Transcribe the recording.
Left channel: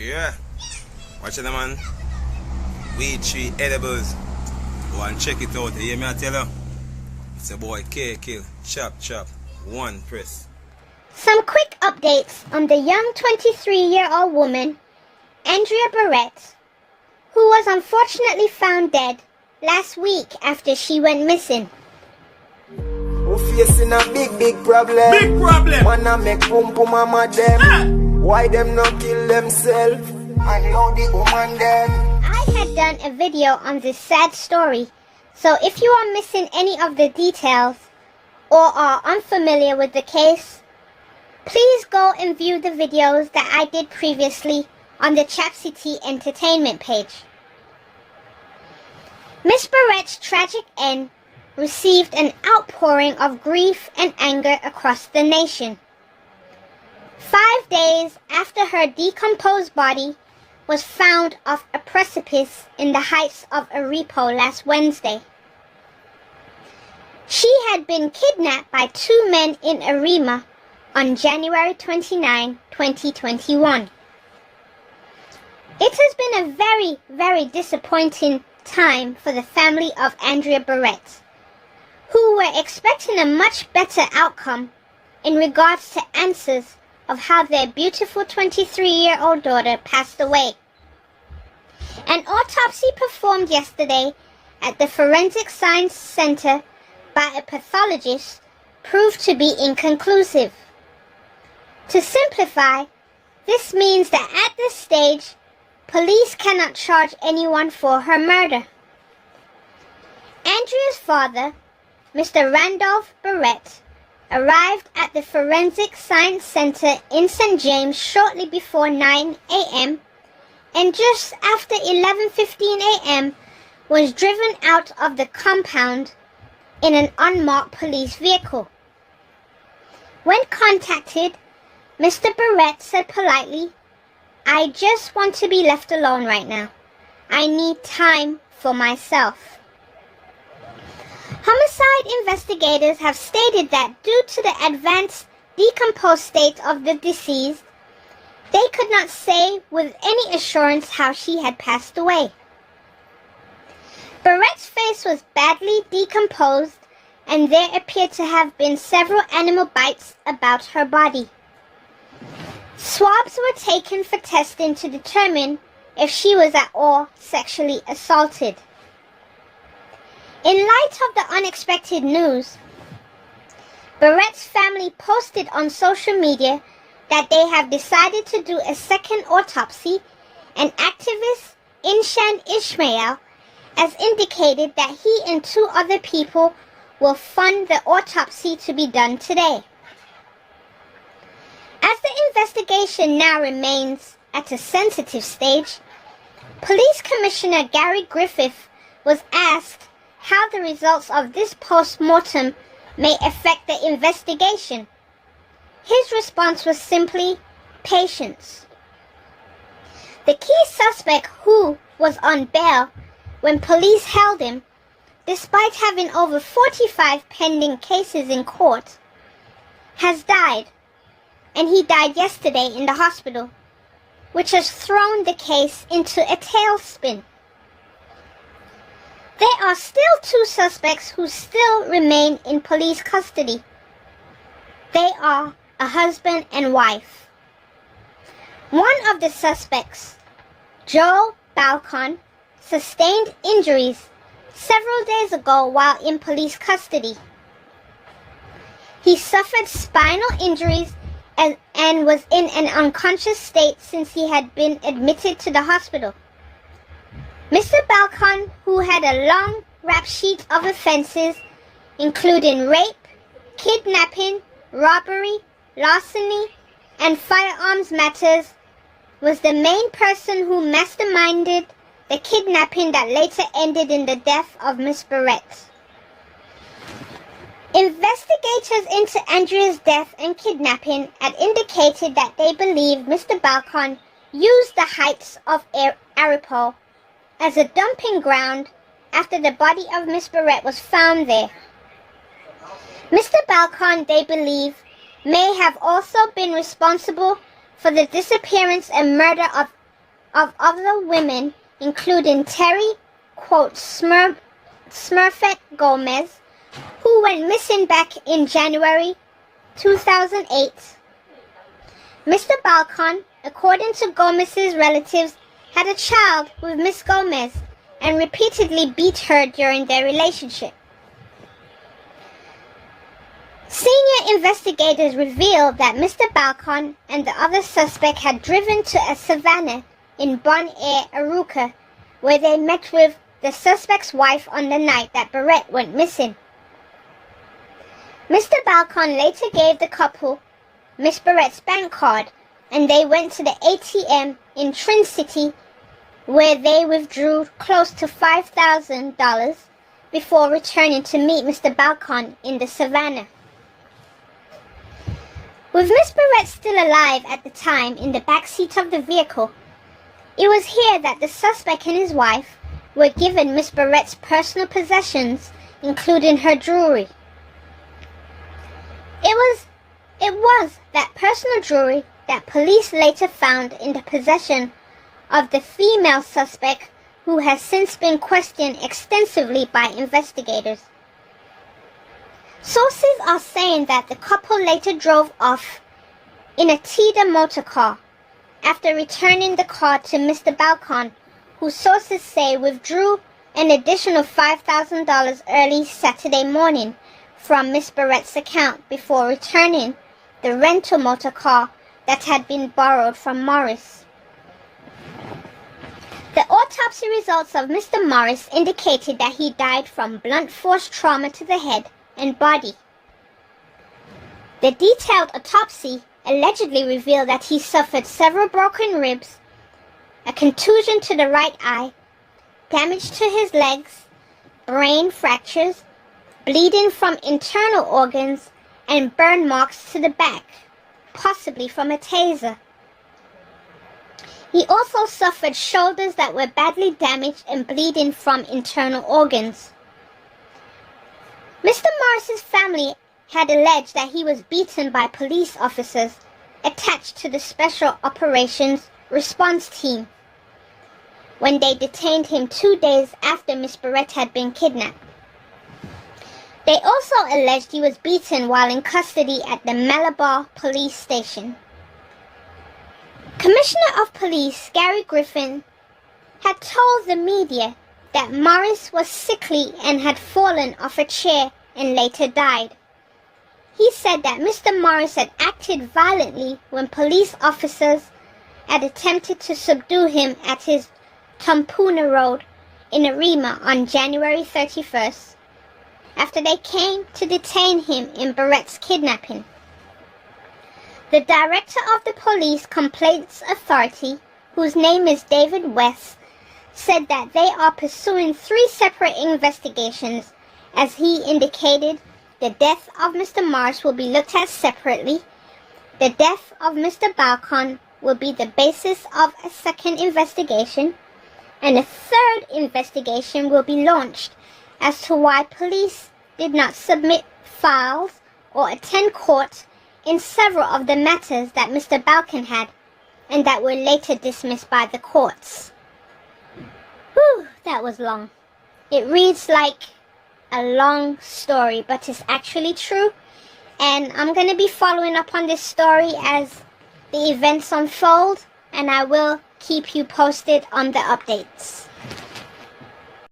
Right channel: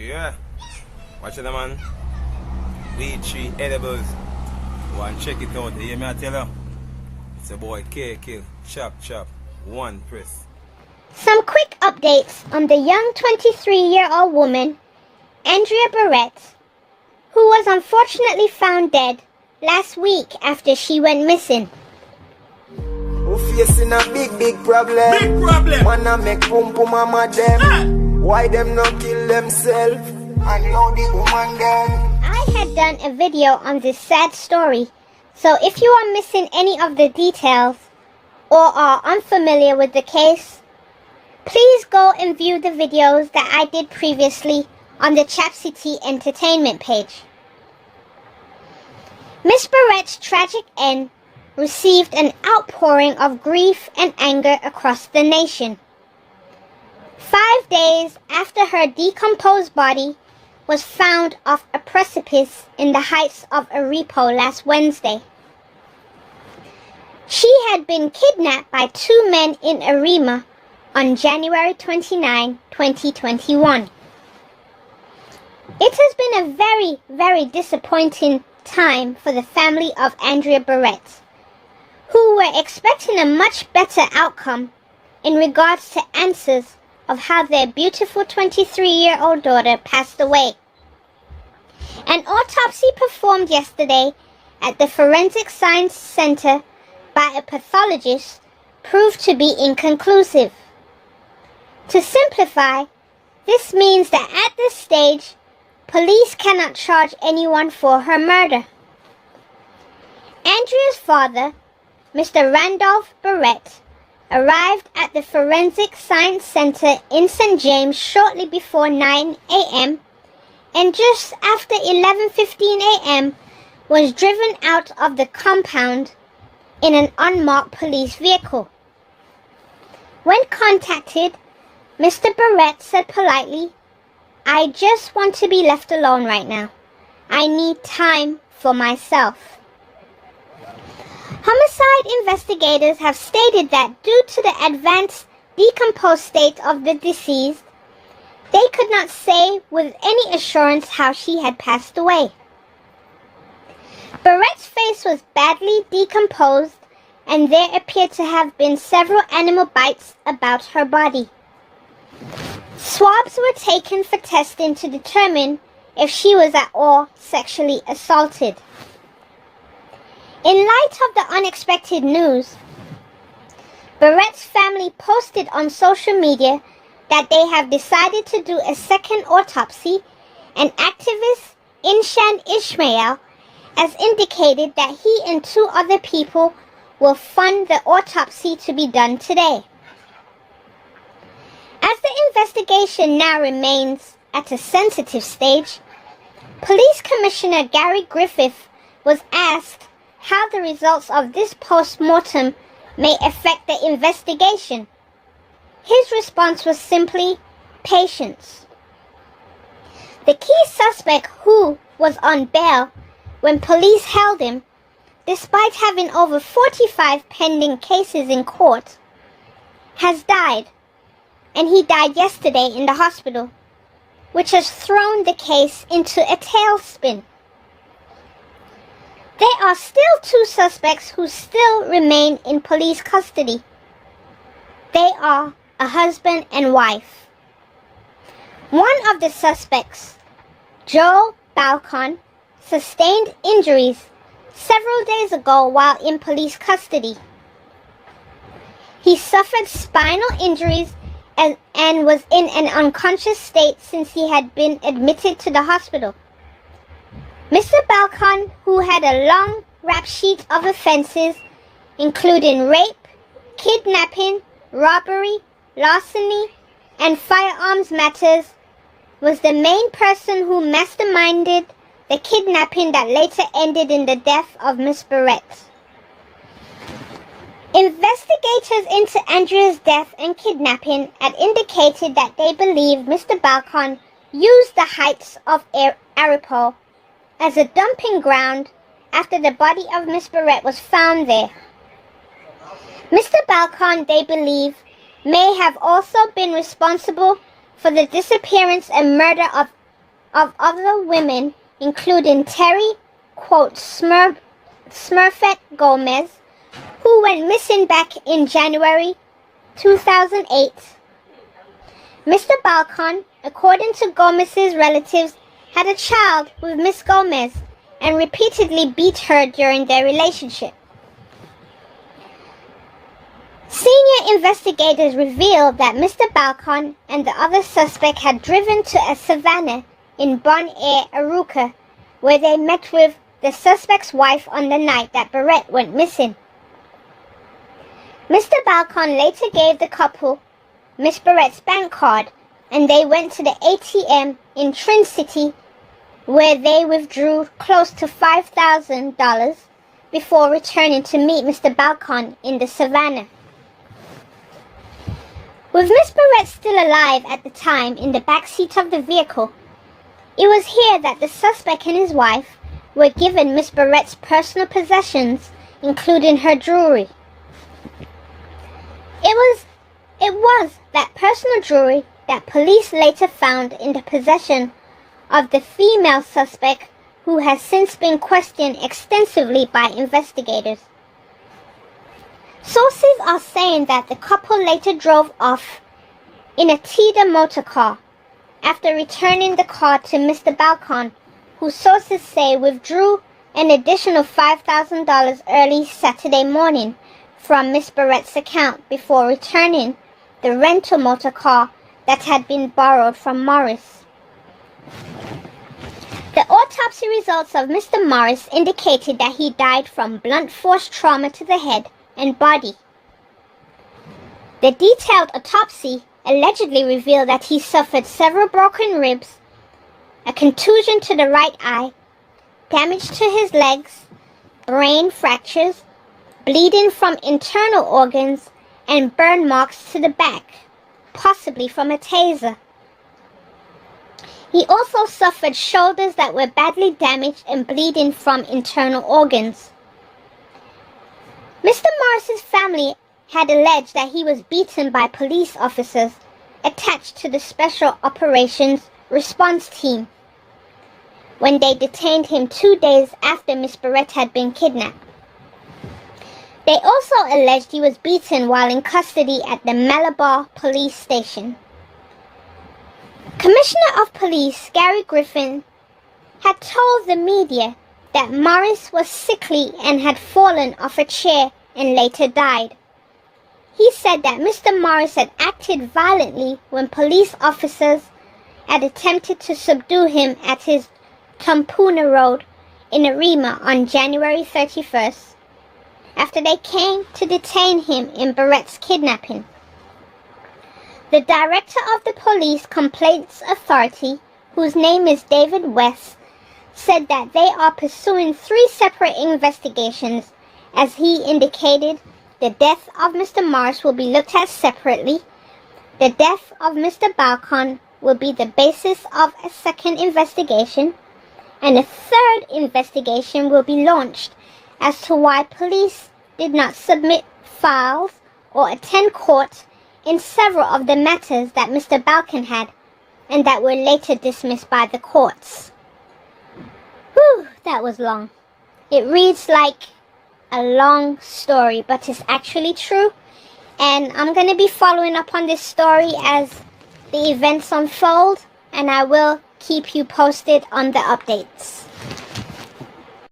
Yeah. Watch it, man. Weed tree edibles. Go and check it out. You hear me, I tell you? It's a boy K Kill. Chop, chop. One press. Some quick updates on the young 23-year-old woman, Andrea Bharatt, who was unfortunately found dead last week after she went missing. Who facing a big problem? Big problem. Wanna make pum pum mama them. Why them not kill themselves? And know the woman them. I had done a video on this sad story, so if you are missing any of the details or are unfamiliar with the case, please go and view the videos that I did previously on the Chapcity Entertainment page. Miss Bharatt's tragic end received an outpouring of grief and anger across the nation. 5 days after her decomposed body was found off a precipice in the heights of Arepo last Wednesday. She had been kidnapped by 2 men in Arima on January 29, 2021. It has been a very, very disappointing time for the family of Andrea Bharatt, who were expecting a much better outcome in regards to answers of how their beautiful 23-year-old daughter passed away. An autopsy performed yesterday at the Forensic Science Center by a pathologist proved to be inconclusive. To simplify, this means that at this stage, police cannot charge anyone for her murder. Andrea's father, Mr. Randolph Bharatt, arrived at the Forensic Science Center in St. James shortly before 9 a.m. and just after 11:15 a.m. was driven out of the compound in an unmarked police vehicle. When contacted, Mr. Bharatt said politely, "I just want to be left alone right now. I need time for myself." Homicide investigators have stated that due to the advanced decomposed state of the deceased, they could not say with any assurance how she had passed away. Bharatt's face was badly decomposed and there appeared to have been several animal bites about her body. Swabs were taken for testing to determine if she was at all sexually assaulted. In light of the unexpected news, Bharatt's family posted on social media that they have decided to do a second autopsy, and activist Inshan Ismail has indicated that he and 2 other people will fund the autopsy to be done today. As the investigation now remains at a sensitive stage, Police Commissioner Gary Griffith was asked how the results of this post-mortem may affect the investigation. His response was simply, patience. The key suspect, who was on bail when police held him, despite having over 45 pending cases in court, has died, and he died yesterday in the hospital, which has thrown the case into a tailspin. There are still 2 suspects who still remain in police custody. They are a husband and wife. One of the suspects, Joe Balcon, sustained injuries several days ago while in police custody. He suffered spinal injuries and was in an unconscious state since he had been admitted to the hospital. Mr. Balcon, who had a long rap sheet of offenses, including rape, kidnapping, robbery, larceny, and firearms matters, was the main person who masterminded the kidnapping that later ended in the death of Miss Bharatt. Investigators into Andrea's death and kidnapping had indicated that they believed Mr. Balcon used the heights of Arepo as a dumping ground after the body of Miss Bharatt was found there. Mr. Balcon, they believe, may have also been responsible for the disappearance and murder of of other women, including Terry, quote, Smurfette Gomez, who went missing back in January 2008. Mr. Balcon, according to Gomez's relatives, had a child with Miss Gomez and repeatedly beat her during their relationship. Senior investigators revealed that Mr. Balcon and the other suspect had driven to a savannah in Bon Air, Aruca, where they met with the suspect's wife on the night that Bharatt went missing. Mr. Balcon later gave the couple Miss Bharatt's bank card, and they went to the ATM in Trin City, where they withdrew close to $5,000 before returning to meet Mr. Balcon in the savannah. With Miss Bharatt still alive at the time in the back seat of the vehicle, it was here that the suspect and his wife were given Miss Bharatt's personal possessions, including her jewelry. It was that personal jewelry that police later found in the possession of the female suspect, who has since been questioned extensively by investigators. Sources are saying that the couple later drove off in a Tida motor car after returning the car to Mr. Balcon, who sources say withdrew an additional $5,000 early Saturday morning from Miss Bharatt's account before returning the rental motor car that had been borrowed from Morris. The autopsy results of Mr. Morris indicated that he died from blunt force trauma to the head and body. The detailed autopsy allegedly revealed that he suffered several broken ribs, a contusion to the right eye, damage to his legs, brain fractures, bleeding from internal organs, and burn marks to the back, possibly from a taser. He also suffered shoulders that were badly damaged and bleeding from internal organs. Mr. Morris's family had alleged that he was beaten by police officers attached to the Special Operations Response Team when they detained him 2 days after Miss Bharatt had been kidnapped. They also alleged he was beaten while in custody at the Malabar police station. Commissioner of Police Gary Griffin had told the media that Morris was sickly and had fallen off a chair and later died. He said that Mr. Morris had acted violently when police officers had attempted to subdue him at his Tumpuna Road in Arima on January 31st, after they came to detain him in Bharatt's kidnapping. The director of the Police Complaints Authority, whose name is David West, said that they are pursuing 3 separate investigations. As he indicated, the death of Mr. Morris will be looked at separately. The death of Mr. Balcon will be the basis of a second investigation, and a third investigation will be launched as to why police did not submit files or attend court in several of the matters that Mr. Balcon had, and that were later dismissed by the courts. Whew, that was long. It reads like a long story, but it's actually true, and I'm going to be following up on this story as the events unfold, and I will keep you posted on the updates.